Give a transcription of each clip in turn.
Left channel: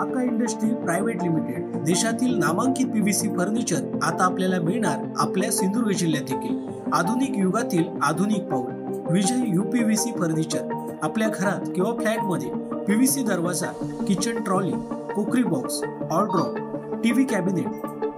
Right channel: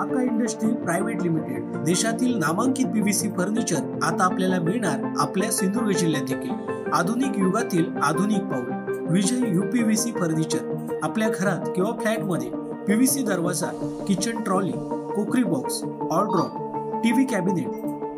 आका industry private limited देशातील नामांकित पीव्हीसी फर्निचर आता आपल्याला मिळणार आपल्या सिंधुदुर्ग जिल्ह्यात देखील। आधुनिक युगातील आधुनिक पाऊल विजय यूपीव्हीसी फर्निचर। आपल्या घरात किंवा फ्लॅट मध्ये पीव्हीसी दरवाजा, किचन ट्रॉली, कुकरी बॉक्स, ऑलड्रॉप, TV cabinet,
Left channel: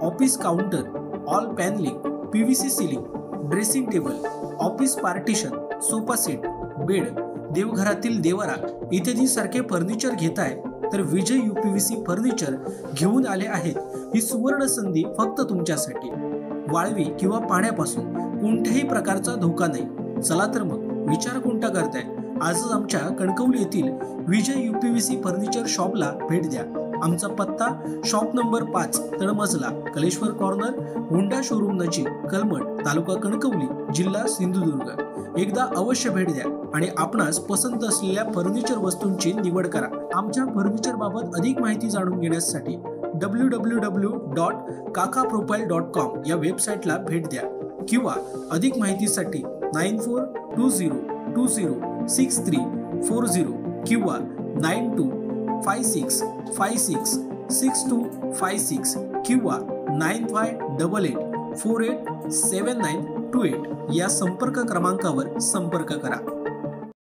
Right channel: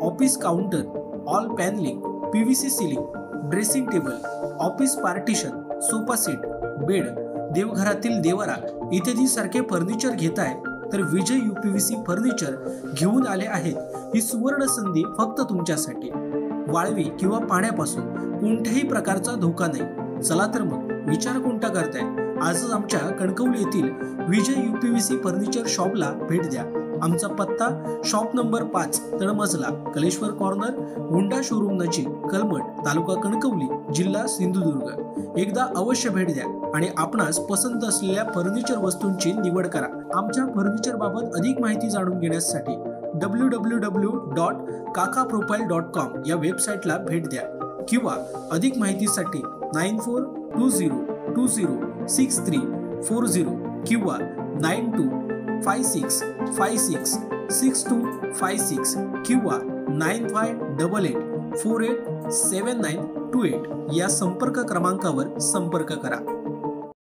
office counter, all panelling, PVC ceiling, dressing table, office partition, sofa set, bed, देवघरातील देवरा इत्यादी सारखे फर्निचर घेताय तर विजय यूपीव्हीसी फर्निचर घेऊन आले आहेत। ही सुवर्ण संधी फक्त तुमच्यासाठी। वाळवी किंवा पाण्यापासून कोणत्याही प्रकारचा धोका नाही। चला तर मग विचार कोणता करताय, आजच आमच्या कणकवली येथील विजय यूपीव्हीसी फर्निचर शॉपला भेट द्या। आमचा पत्ता शॉप नंबर 5 तळमजला, कलेश्वर कॉर्नर, होंडा शोरूम नजीक, कलमट, तालुका कणकवली, जिल्हा सिंधुदुर्ग। एकदा अवश्य भेट द्या आणि आपणास पसंत असलेल्या फर्निचर वस्तूंची निवड करा। आमच्या फर्निचर बाबत अधिक माहिती जाणून घेण्यासाठी www.kakaprofile.com या वेबसाईटला भेट द्या किंवा अधिक माहितीसाठी 9420206340 किंवा 9256566256 किंवा 9588487928 या संपर्क क्रमांकावर संपर्क करा।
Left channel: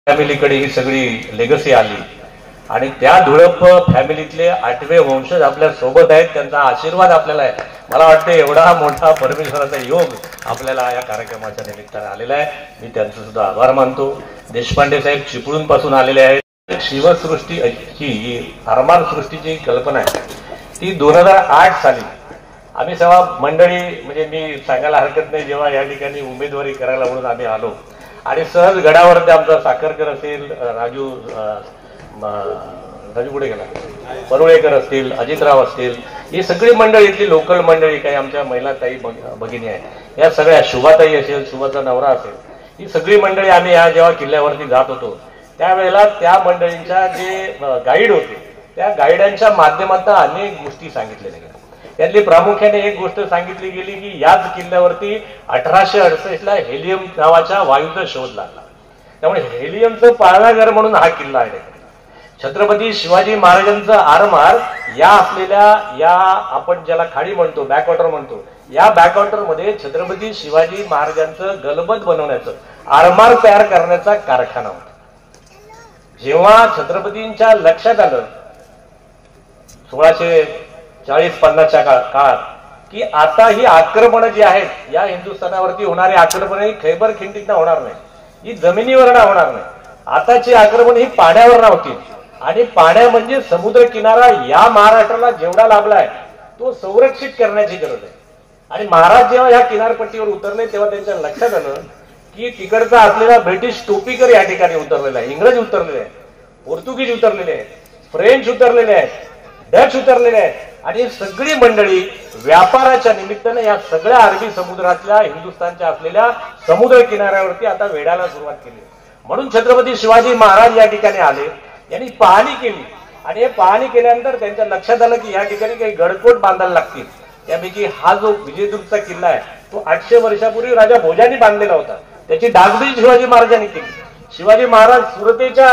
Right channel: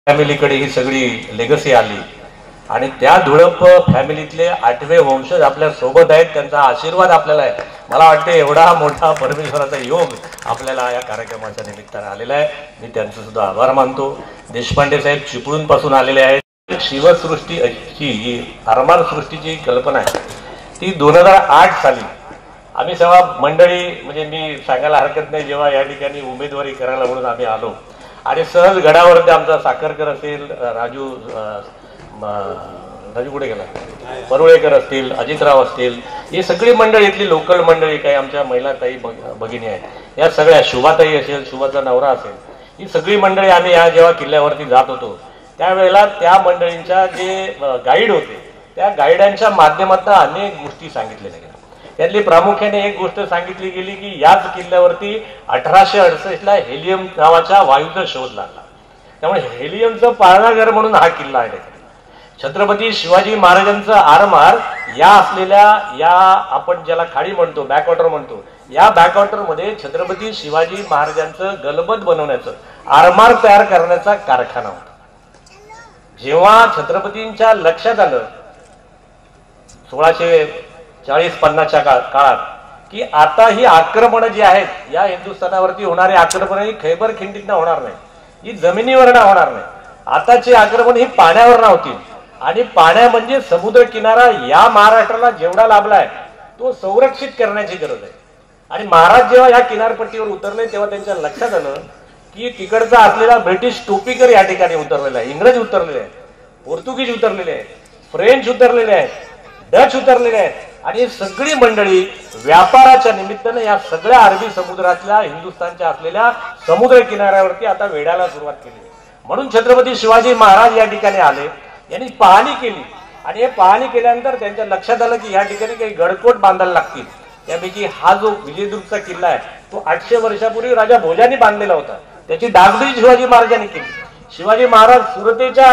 फॅमिलीकडे ही सगळी लेगसी आली आणि त्या धुळप फॅमिलीतले 8वे वंशज आपल्या सोबत आहेत। त्यांचा आशीर्वाद आपल्याला आहे। मला वाटतं एवढा मोठा परमेश्वराचा योग आपल्याला या कार्यक्रमाच्या निमित्ताने आलेला आहे। मी त्यांचे सुद्धा आभार मानतो। देशपांडे साहेब चिपळूण पासून आलेले आहेत। शिवसृष्टी आरमार सृष्टीची कल्पना आहे ती 2008 साली आम्ही सेवा मंडळी, म्हणजे मी सांगायला हरकत नाही, जेव्हा या ठिकाणी उमेदवारी करायला म्हणून आम्ही आलो आणि सहज गडावरती आमचा साखरकर असेल, राजू कुठे गेला, परुळेकर असतील, अजितराव असतील, ही सगळी मंडळी, इथली लोकल मंडळी, काही आमच्या महिला ताई भगिनी आहेत, या सगळ्या, शुभाताई असेल, शुभाचा नवरा असेल, ही सगळी मंडळी आम्ही या जेव्हा किल्ल्यावरती जात होतो त्यावेळेला त्या मंडळींच्या जे गाईड होते त्या गाईडांच्या माध्यमातून अनेक गोष्टी सांगितल्या गेल्या। त्यातली प्रामुख्याने एक गोष्ट सांगितली गेली की याच किल्ल्यावरती 1868ला हेलियम नावाच्या वायूचा शोध लागला। त्यामुळे हेलियमचं पाळणाघर म्हणून हा किल्ला आहे। छत्रपती शिवाजी महाराजांचं आरमार या असलेल्या, या आपण ज्याला खाडी म्हणतो, बॅकवॉटर म्हणतो, या बॅकवॉटर मध्ये छत्रपती शिवाजी महाराजांचं गलबत बनवण्याचं, आरमार तयार करण्याचा कारखाना होता। जेव्हा छत्रपतींच्या लक्षात आलं 1640-50च्या काळात की आता ही आक्रमण जी आहेत या हिंदुस्थानावरती होणारी आक्रमण ही खैबर खिंडीतनं होणार नाही, ही जमिनीवरनं होणार नाही, आताची आक्रमण ही पाण्यावर होतील आणि पाण्या म्हणजे समुद्र किनारा या महाराष्ट्राला जेवढा लाभलाय तो संरक्षित करण्याची गरज आहे। आणि महाराज जेव्हा या किनारपट्टीवर उतरले तेव्हा त्यांच्या लक्षात आलं की तिकडचा असलेला ब्रिटिश टोपीकर या ठिकाणी उतरलेला आहे, इंग्रज उतरलेले आहेत, पोर्तुगीज उतरलेले आहेत, फ्रेंच उतरलेले आहेत, डच उतरलेले आहेत आणि सगळी मंडळी व्यापाराच्या निमित्ताने या सगळ्या अरबी समुद्रातल्या हिंदुस्थानच्या असलेल्या समुद्र किनाऱ्यावरती आता वेढायला सुरुवात केली। म्हणून छत्रपती शिवाजी महाराज या ठिकाणी आले, यांनी पाहणी केली आणि हे पाहणी केल्यानंतर त्यांच्या लक्षात आलं की या ठिकाणी काही गडकोट बांधायला लागतील। त्यापैकी हा जो विजयदुर्गचा किल्ला आहे तो 800 वर्षापूर्वी राजा भोजांनी बांधलेला होता, त्याची डागडुजी शिवाजी महाराजांनी केली। शिवाजी महाराज सुरतेच्या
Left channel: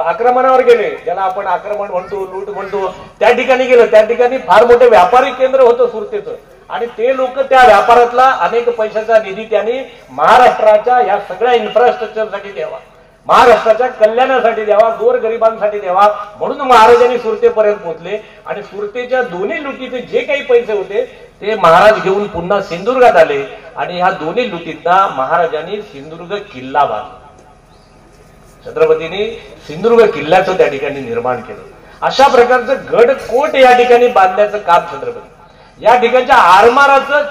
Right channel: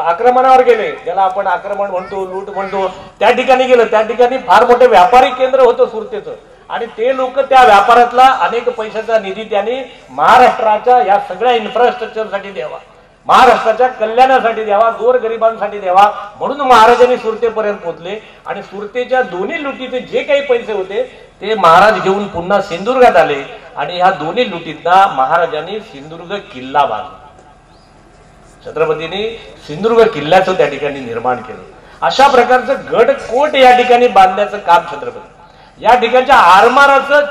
आक्रमणावर गेले, ज्याला आपण आक्रमण म्हणतो, लूट म्हणतो, त्या ठिकाणी गेलं। त्या ठिकाणी फार मोठे व्यापारी केंद्र होतं सुरतेचं आणि ते लोक त्या व्यापारातला अनेक पैशाचा निधी त्यांनी महाराष्ट्राच्या या सगळ्या इन्फ्रास्ट्रक्चरसाठी द्यावा, महाराष्ट्राच्या कल्याणासाठी द्यावा, गोरगरिबांसाठी द्यावा, म्हणून महाराजांनी सुरतेपर्यंत पोहोचले आणि सुरतेच्या दोन्ही लुटीचे जे काही पैसे होते ते महाराज घेऊन पुन्हा सिंधुदुर्गात आले आणि ह्या दोन्ही लुटीतना महाराजांनी सिंधुदुर्ग किल्ला बांधला। छत्रपतींनी सिंधुदुर्ग किल्ल्याचं त्या ठिकाणी निर्माण केलं। अशा प्रकारचं गडकोट या ठिकाणी बांधण्याचं काम छत्रपती, या ठिकाणच्या आरमाराचं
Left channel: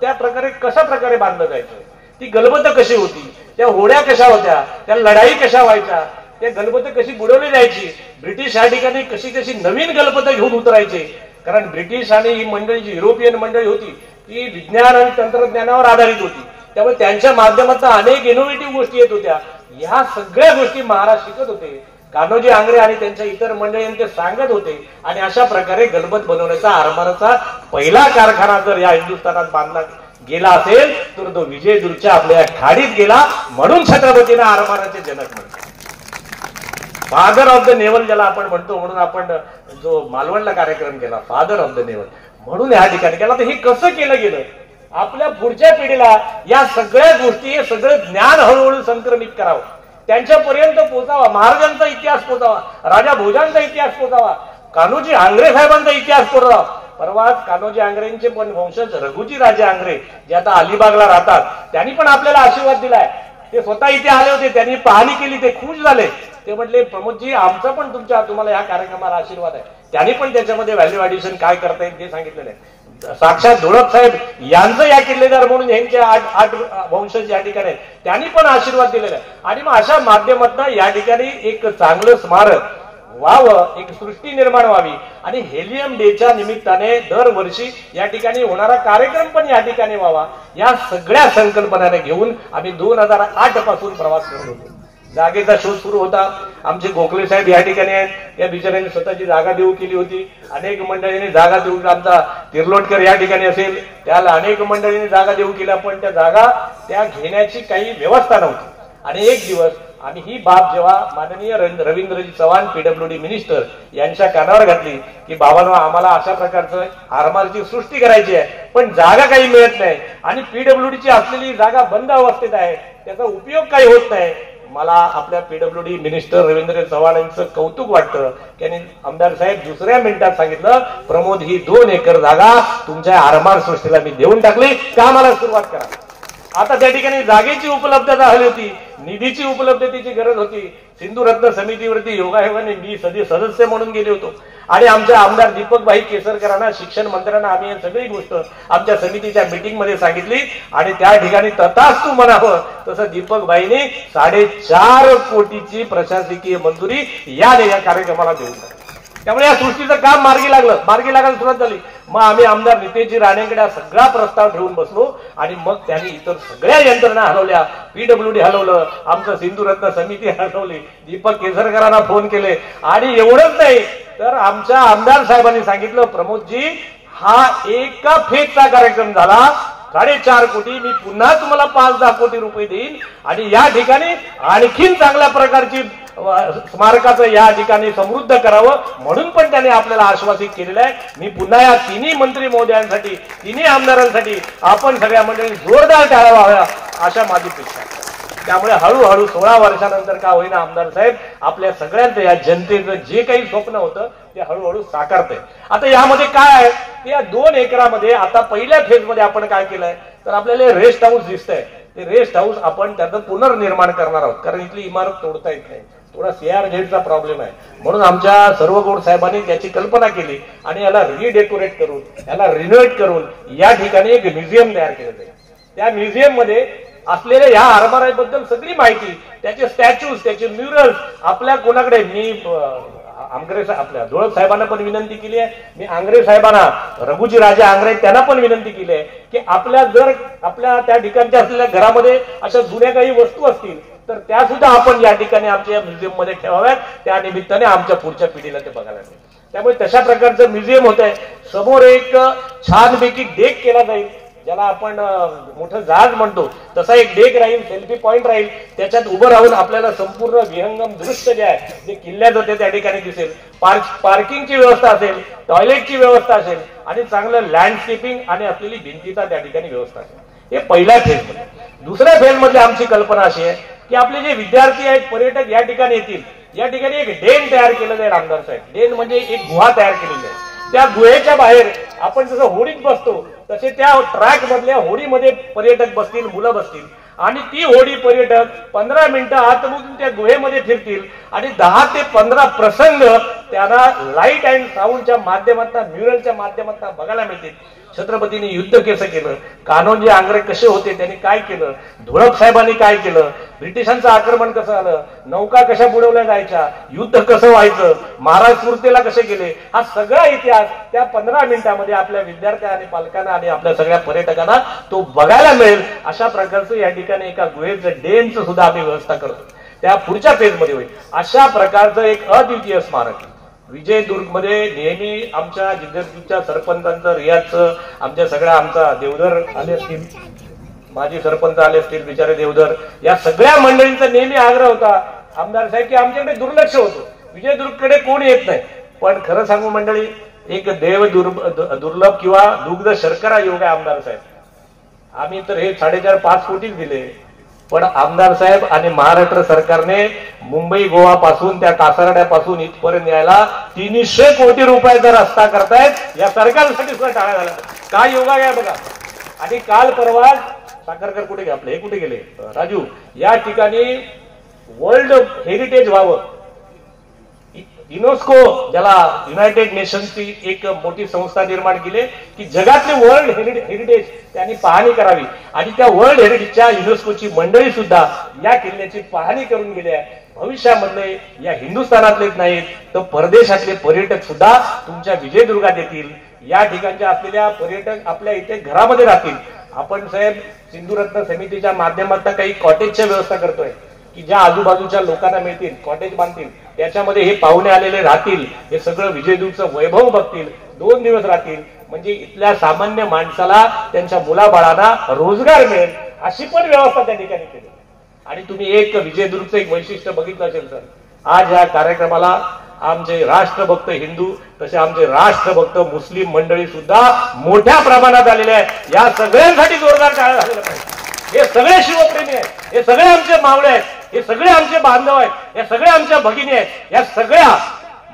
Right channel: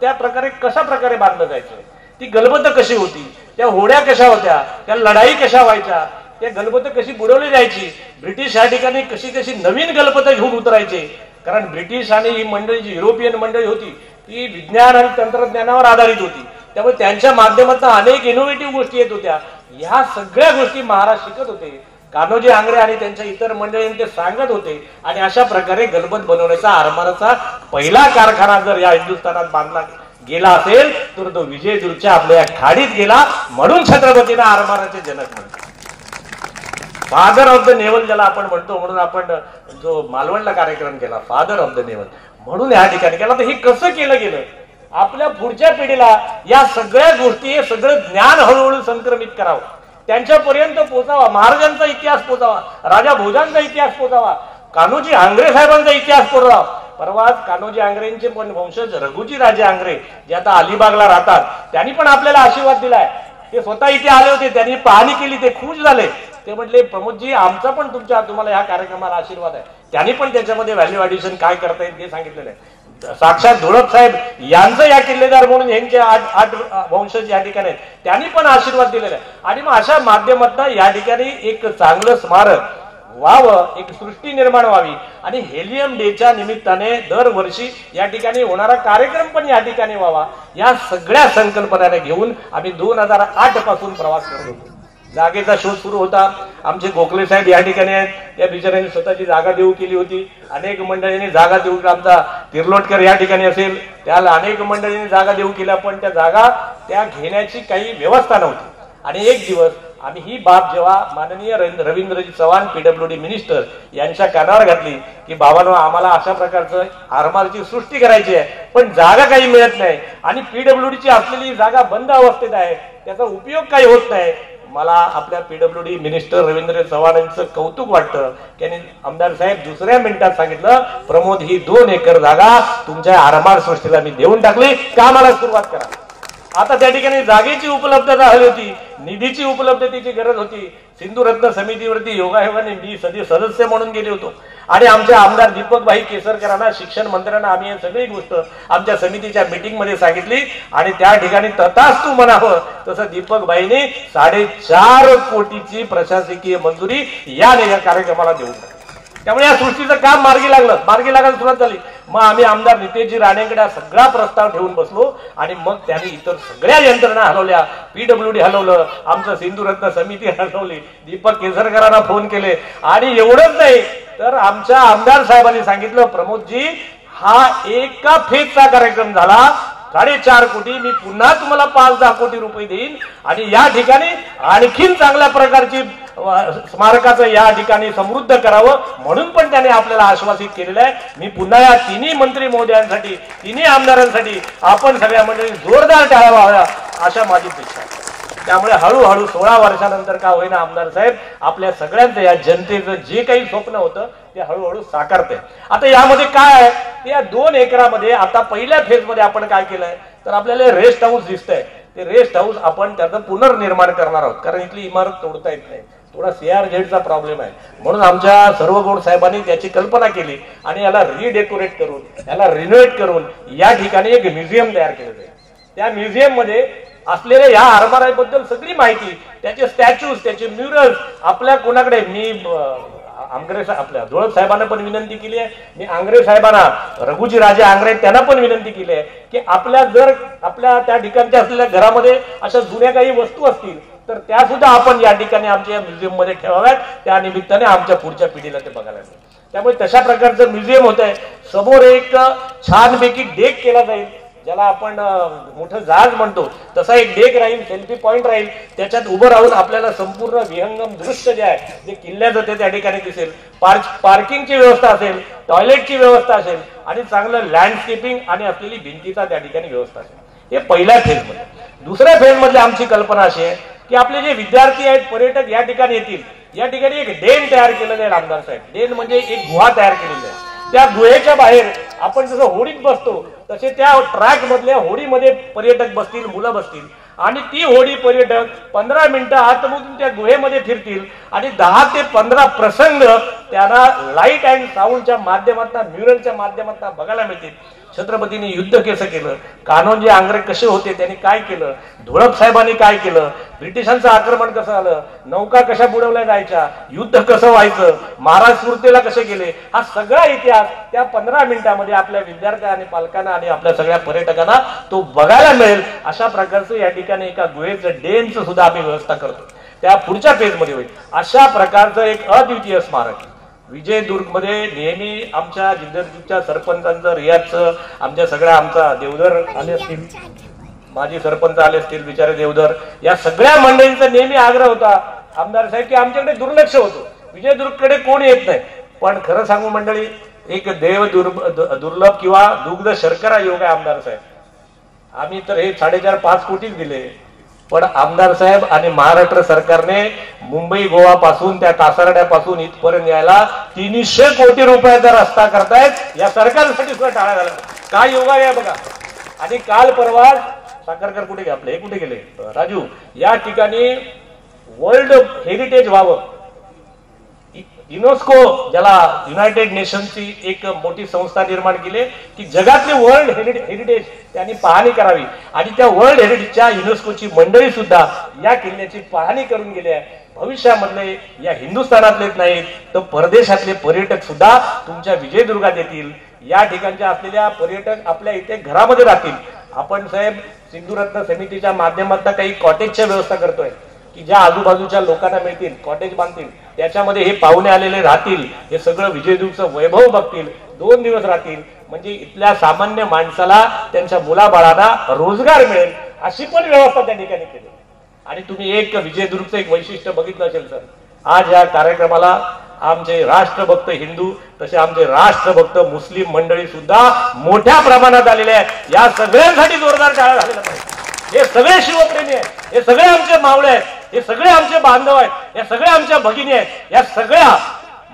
त्या प्रकारे कशा प्रकारे बांधलं जायचं, ती गलबत कशी होती, त्या होड्या कशा होत्या, त्या लढाई कशा व्हायच्या, त्या गलबत कशी बुडवली जायची, ब्रिटिश या ठिकाणी कशी कशी नवीन गलबत घेऊन उतरायचे, कारण ब्रिटिश आणि ही मंडळी जी युरोपियन मंडळी होती ती विज्ञान आणि तंत्रज्ञानावर आधारित होती, त्यामुळे त्यांच्या माध्यमातून अनेक इनोव्हेटिव्ह गोष्टी येत होत्या। ह्या सगळ्या गोष्टी महाराज शिकत होते, कान्होजी आंग्रे आणि त्यांच्या इतर मंडळींनी ते सांगत होते आणि अशा प्रकारे गलबत बनवण्याचा, आरमाराचा पहिला कारखाना जर या हिंदुस्थानात बांधला गेला असेल तर तो विजयदुर्गच्या आपल्या खाडीत गेला, म्हणून छत्रपतींना आरमाराचे जनक म्हणतात। फादर ऑफ द नेव्हल ज्याला आपण म्हणतो, म्हणून आपण जो मालवणला कार्यक्रम केला फादर ऑफ द नेव्हल म्हणून या ठिकाणी केला. तर हे कसं केलं गेलं, आपल्या पुढच्या पिढीला या सगळ्या गोष्टी, हे सगळं ज्ञान हळूहळू संक्रमित करावं, त्यांच्यापर्यंत पोहोचावा, महाराजांचा इतिहास पोहोचावा, राजा भोजांचा इतिहास पोहोचावा, कान्होजी आंग्रे साहेबांचा इतिहास पोहोचावा. परवाच कान्होजी आंग्रेंचे पण वंशज रघुजी राजे आंग्रे जे आता अलिबागला राहतात, त्यांनी पण आपल्याला आशीर्वाद दिलाय. ते स्वतः इथे आले होते, त्यांनी पाहणी केली, ते खुश झाले. ते म्हटले प्रमोदजी आमचा पण तुम्हाला या कार्यक्रमाला आशीर्वाद आहे. त्यांनी पण त्याच्यामध्ये व्हॅल्यू ऍडिशन काय करता येईल ते सांगितलेलं आहे. साक्षात धोळप साहेब यांचं या किल्लेदार म्हणून यांचे 8 वंशज या ठिकाणी आहेत, त्यांनी पण आशीर्वाद दिलेला आहे. आणि मग अशा माध्यमातून या ठिकाणी एक चांगलं स्मारक व्हावं, एक सृष्टी निर्माण व्हावी. आणि हेलियम डेच्या निमित्ताने दरवर्षी या ठिकाणी होणारा कार्यक्रम पण या ठिकाणी व्हावा, या सगळ्या संकल्पनाने घेऊन आम्ही 2008 पासून प्रवास करत होतो. जागेचा शोध सुरू होता. आमचे गोखले साहेब या ठिकाणी आहेत, या बिचाऱ्यांनी स्वतःची जागा देऊ केली होती. अनेक मंडळींनी जागा देऊ, आमचा तिर्लोटकर या ठिकाणी असेल, त्याला अनेक मंडळींनी जागा देऊ केल्या, पण त्या जागा त्या घेण्याची काही व्यवस्था नव्हती. आणि एक दिवस आम्ही ही बाब जेव्हा माननीय रवींद्रजी चव्हाण पीडब्ल्यूडी मिनिस्टर यांच्या कानावर घातली की बाबांनो आम्हाला अशा प्रकारचं आरमारची सृष्टी करायची आहे, पण जागा काही मिळत नाही आणि पीडब्ल्यूडीची असलेली जागा बंद अवस्थेत आहे, त्याचा उपयोग काही होत नाही. मला आपल्या पीडब्ल्यूडी मिनिस्टर रवींद्र चव्हाण यांचं कौतुक वाटतं. त्यांनी आमदार साहेब दुसऱ्या मिनिटात सांगितलं, प्रमोद ही 2 एकर जागा तुमच्या आरमार सृष्टीला मी देऊन टाकली, कामाला सुरुवात करा. आता त्या ठिकाणी जागेची उपलब्धता हवी होती, निधीची उपलब्धतेची गरज होती. सिंधुरत्न समितीवरती योगायोगाने मी सदस्य म्हणून गेले होतो. आणि आमच्या आमदार दीपकभाई केसरकरांना, शिक्षण मंत्र्यांना आम्ही ही सगळी गोष्ट आमच्या समितीच्या मीटिंगमध्ये सांगितली. आणि त्या ठिकाणी तथास्तु म्हणावं तसं दीपकभाईने 4.5 कोटीची प्रशासकीय मंजुरी या कार्यक्रमाला देऊन टाकली. त्यामुळे या सृष्टीचं काम मार्गी लागायला सुरुवात झाली. मग आम्ही आमदार नितेशजी राणेंकडे सगळा प्रस्ताव ठेवून बसलो आणि मग त्यांनी इतर सगळ्या यंत्रणा हलवल्या, पीडब्ल्यूडी हलवलं, आमचं सिंधुरत्न समिती हलवली, दीपक केसरकरांना फोन केले. आणि एवढंच नाही तर आमच्या आमदार साहेबांनी सांगितलं, प्रमोदजी हा एका फेजचा कार्यक्रम झाला, 4.5 कोटी, मी पुन्हा तुम्हाला 5-10 कोटी रुपये देईन आणि या ठिकाणी आणखीन चांगल्या प्रकारची स्मारकाचं या ठिकाणी समृद्ध करावं म्हणून पण त्याने आपल्याला आश्वासित केलेलं आहे. मी पुन्हा या तिन्ही मंत्री महोदयांसाठी, तिन्ही आमदारांसाठी आपण सगळ्या मंडळी जोरदार टाळा वाजवा अशा माझी इच्छा आहे. त्यामुळे हळूहळू 16 वर्षानंतर का होईना आमदार साहेब आपल्या सगळ्यांचं, या जनतेचं जे काही स्वप्न होतं ते हळूहळू साकारतंय. आता यामध्ये काय आहे, या 2 एकरामध्ये आता पहिल्या फेजमध्ये आपण काय केलंय तर आपल्याला रेस्ट हाऊस दिसतंय. ते रेस्ट हाऊस आपण त्याचं पुनर्निर्माण करणार आहोत, कारण इथली इमारत तोडता येत नाही, थोडा CRZचा प्रॉब्लेम आहे. म्हणून आमच्या सर्व गौड साहेबांनी त्याची कल्पना केली आणि याला रिडेकोरेट करून, याला रिनोव्हेट करून या ठिकाणी एक म्युझियम तयार केलं जाईल. त्या म्युझियम मध्ये असलेल्या या आरमाराबद्दल सगळी माहिती, त्याचे स्टॅच्यूज, त्याचे म्युरल्स आपल्या कोणाकडे, मी आंग्रे आपल्या धोळप साहेबांना पण विनंती केली आहे, मी आंग्रे साहेबांना, रघुजी राजे आंग्रे त्यांना पण विनंती केली आहे की आपल्या त्या ठिकाणच्या असलेल्या घरामध्ये अशा जुन्या काही वस्तू असतील तर त्या सुद्धा आपण या ठिकाणी आमच्या म्युझियम मध्ये ठेवाव्यात. त्या निमित्ताने आमच्या पुढच्या पिढीला ते बघायला मिळेल. त्यामुळे तशा प्रकारचं म्युझियम होत आहे. समोर एक छानपैकी डेक केला जाईल, ज्याला आपण मोठं जहाज म्हणतो तसा एक डेक राहील, सेल्फी पॉइंट राहील. त्याच्यात उभं राहून आपल्याला संपूर्ण विहंगम दृश्य जे आहे जे किल्ल्याचं ते त्या ठिकाणी दिसेल. पार्किंगची व्यवस्था असेल, टॉयलेटची व्यवस्था असेल आणि चांगलं लँडस्केपिंग आणि असलेली भिंतीचा त्या ठिकाणी व्यवस्था असेल. हे पहिल्या फेजमध्ये. दुसऱ्या फेजमध्ये आमची कल्पना अशी आहे की आपले जे विद्यार्थी आहेत, पर्यटक या ठिकाणी येतील, या ठिकाणी एक डेन तयार केलं जाईल. आमदार साहेब, डेन म्हणजे एक गुहा तयार केलेली आहे. त्या गुहेच्या बाहेर आपण जसं होडीत बसतो तसे त्या ट्रॅक मधल्या होडीमध्ये पर्यटक बसतील, मुलं बसतील आणि ती होडी पर्यटक 15 मिनिटं आतमधून त्या गुहेमध्ये फिरतील आणि 10 ते 15 प्रसंग त्यांना लाईट अँड साऊंडच्या माध्यमातून, म्युरलच्या माध्यमातून बघायला मिळतील. छत्रपतींनी युद्ध कसं केलं, कान्होजी आंग्रे कसे होते, त्यांनी काय केलं, धोळप साहेबांनी काय केलं, ब्रिटिशांचं आक्रमण कसं आलं, नौका कशा बुडवल्या जायच्या, युद्ध कसं व्हायचं, महाराज सुरतेला कसे गेले, हा सगळा इतिहास त्या 15 मिनिटांमध्ये आपल्या विद्यार्थ्या आणि पालकांना आणि आपल्या सगळ्या पर्यटकांना तो बघायला मिळेल. अशा प्रकारचं या ठिकाणी एका गुहेचं डेनचं सुद्धा आम्ही व्यवस्था करतो. त्या पुढच्या फेजमध्ये होईल. अशा प्रकारचं एक अद्वितीय स्मारक विजयदुर्ग मध्ये नेहमी आमच्या जिल्ह्याच्या सरपंचांचं, रियाजचं, आमच्या सगळ्या, आमचा देवधर आले असतील, माजी सरपंच आले असतील, बिचारे देवधर, या सगळ्या मंडळींचा नेहमी आग्रह होता आमदार साहेब की आमच्याकडे दुर्लक्ष होतं, विजयदुर्गकडे कोण येत नाही. पण खरं सांगू मंडळी, एक देव दुर्लभ किंवा दुग्ध शर्करा योग आहे आमदार साहेब. आम्ही तर हे 4.5-5 कोटीच दिले, पण आमदार साहेब आणि महाराष्ट्र सरकारने मुंबई गोवा पासून त्या कासारड्यापासून इथपर्यंत यायला 300 कोटी रुपयाचा रस्ता करतायत. या सरकारसाठी सुद्धा टाळा झाला. काय योगा या बघा. आणि काल परवा साखरकर कुठे गेले आपले, हे कुठे गेले राजू, या ठिकाणी वर्ल्ड हेरिटेज व्हावं, युनेस्को ज्याला युनायटेड नेशन्सची एक मोठी संस्था निर्माण केली की जगातले वर्ल्ड हेरिटेज त्यांनी पाहणी करावी. आणि त्या वर्ल्ड हेरिटेजच्या युनेस्कोची मंडळी सुद्धा या किल्ल्याची पाहणी करून गेली आहे. भविष्यामधले या हिंदुस्थानातलेच नाहीत तर परदेशातले पर्यटक सुद्धा तुमच्या विजयदुर्गात येतील. या ठिकाणच्या असलेल्या पर्यटक आपल्या इथे घरामध्ये राहतील. आपण साहेब सिंधुरत्न समितीच्या माध्यमातून काही कॉटेजच्या व्यवस्था करतोय की ज्या आजूबाजूच्या लोकांना मिळतील, कॉटेज बांधतील, त्याच्यामध्ये हे पाहुणे आलेले राहतील, हे सगळं विजयदुर्गचं वैभव बघतील, 2 दिवस राहतील. म्हणजे इथल्या सामान्य माणसाला त्यांच्या मुलाबाळांना रोजगार मिळेल अशी पण व्यवस्था त्या ठिकाणी केली. आणि तुम्ही एक विजयदुर्गचं एक वैशिष्ट्य बघितलं असेल सर, आज या कार्यक्रमाला आमचे राष्ट्रभक्त हिंदू तसे आमचे राष्ट्रभक्त मुस्लिम मंडळी सुद्धा मोठ्या प्रमाणात आलेले आहेत. या सगळ्यांसाठी जोरदार टाळ्या झालेल्या पाहिजे. हे सगळे शिवप्रेमी आहेत, हे सगळे आमचे मावळे आहेत, हे सगळे आमचे बांधव आहेत, हे सगळे आमच्या भगिनी आहेत. या सगळ्या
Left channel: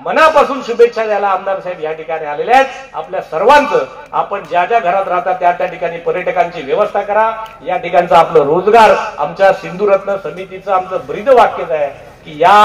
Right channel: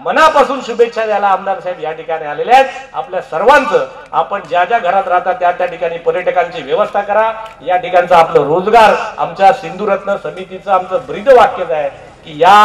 मनापासून शुभेच्छा द्यायला आमदार साहेब या ठिकाणी आलेले आहेत. आपल्या सर्वांचं आपण ज्या ज्या घरात राहतात त्या ठिकाणी पर्यटकांची व्यवस्था करा. या ठिकाणचा आपलं रोजगार, आमच्या सिंधुरत्न समितीचं आमचं ब्रीद वाक्यच आहे की या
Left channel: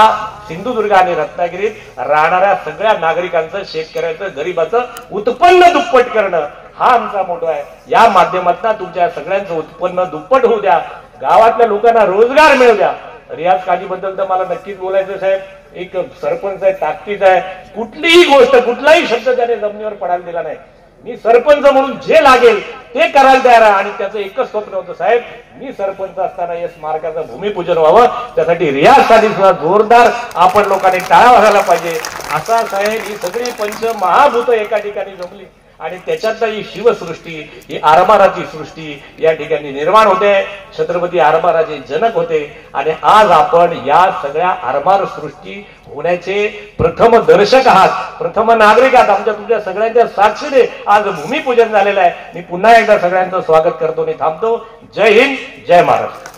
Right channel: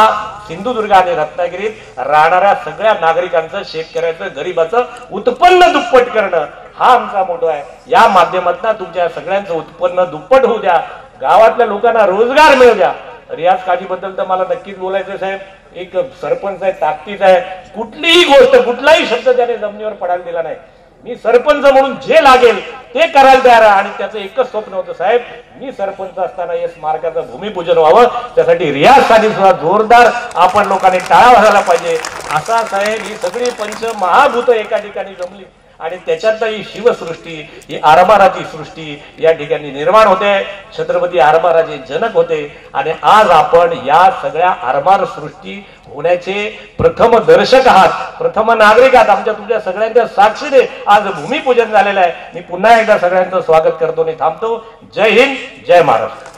सिंधुदुर्ग आणि रत्नागिरीत राहणाऱ्या सगळ्या नागरिकांचं, शेतकऱ्याचं, गरिबाचं उत्पन्न दुप्पट करणं हा आमचा मोठा आहे. या माध्यमातून तुमच्या सगळ्यांचं उत्पन्न दुप्पट होऊ द्या, गावातल्या लोकांना रोजगार मिळू द्या. रियाज काझीबद्दल तर मला नक्कीच बोलायचं साहेब. एक सरपंच आहे, ताकदीच आहे. कुठलीही गोष्ट, कुठलाही शब्द त्याने जमिनीवर पडायला दिला नाही. मी सरपंच म्हणून जे लागेल ते करायला तयार आहे. आणि त्याचं एकच स्वप्न होतं साहेब, मी सरपंच असताना या स्मारकाचं भूमिपूजन व्हावं. त्यासाठी रियाजसाठी सुद्धा जोरदार आपण लोकांनी टाळा वाजायला पाहिजे. असा साहेब ही सगळी पंचमहाभूत एका ठिकाणी जमली आणि त्याच्यात ही शिवसृष्टी, ही आरमाराची सृष्टी या ठिकाणी निर्माण होते. छत्रपती आरमाराचे जनक होते आणि आज आपण या सगळ्या आरमार सृष्टी होण्याचे प्रथम दर्शक आहात, प्रथम नागरिक आहात. आमच्या तुमच्या सगळ्यांच्या साक्षीने आज भूमिपूजन झालेलं आहे. मी पुन्हा एकदा सगळ्यांचं स्वागत करतो आणि थांबतो. जय हिंद, जय महाराष्ट्र.